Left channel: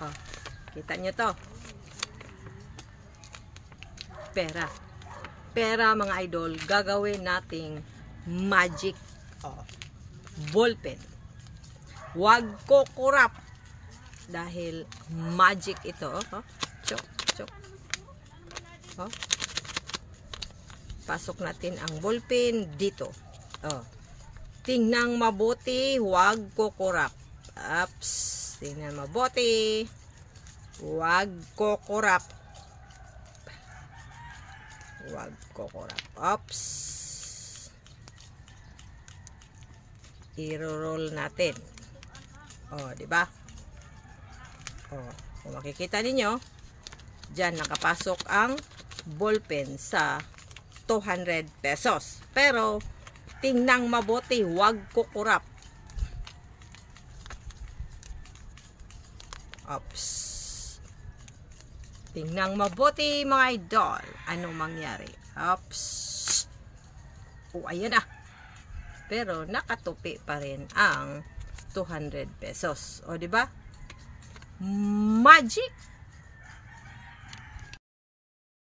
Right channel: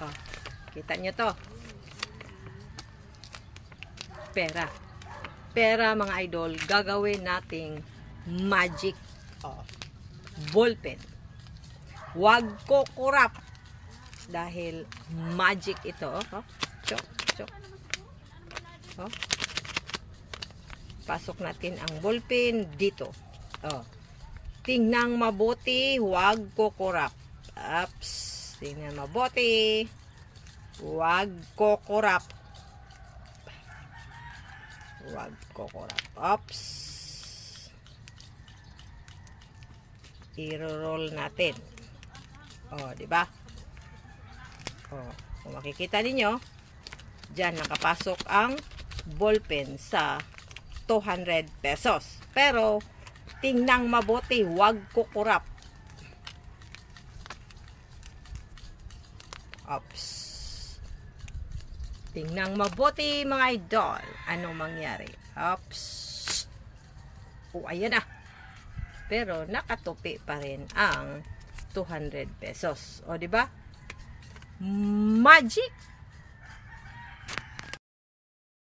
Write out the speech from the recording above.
Oh, kita nyo to. Pera. Pera mga idol, gagawin nating magic ballpen. Huwag kukurap dahil magic ito. Chok, chok. Pasok natin ang ballpen dito. Tingnan mabuti, huwag kukurap. Ups, tingnan mabuti. Huwag kukurap. Huwag kukurap. Ups. I-roll natin. Di ba? Kung makikita ninyo, diyan nakapasok ang ballpen sa 200 pesos. Pero tingnan mabuti, huwag kukurap. Ups. Tingnan mabuti mga idol. Anong mangyari? Ups. Ayan na. Pero nakatupi pa rin ang 200 pesos. Di ba? Magic!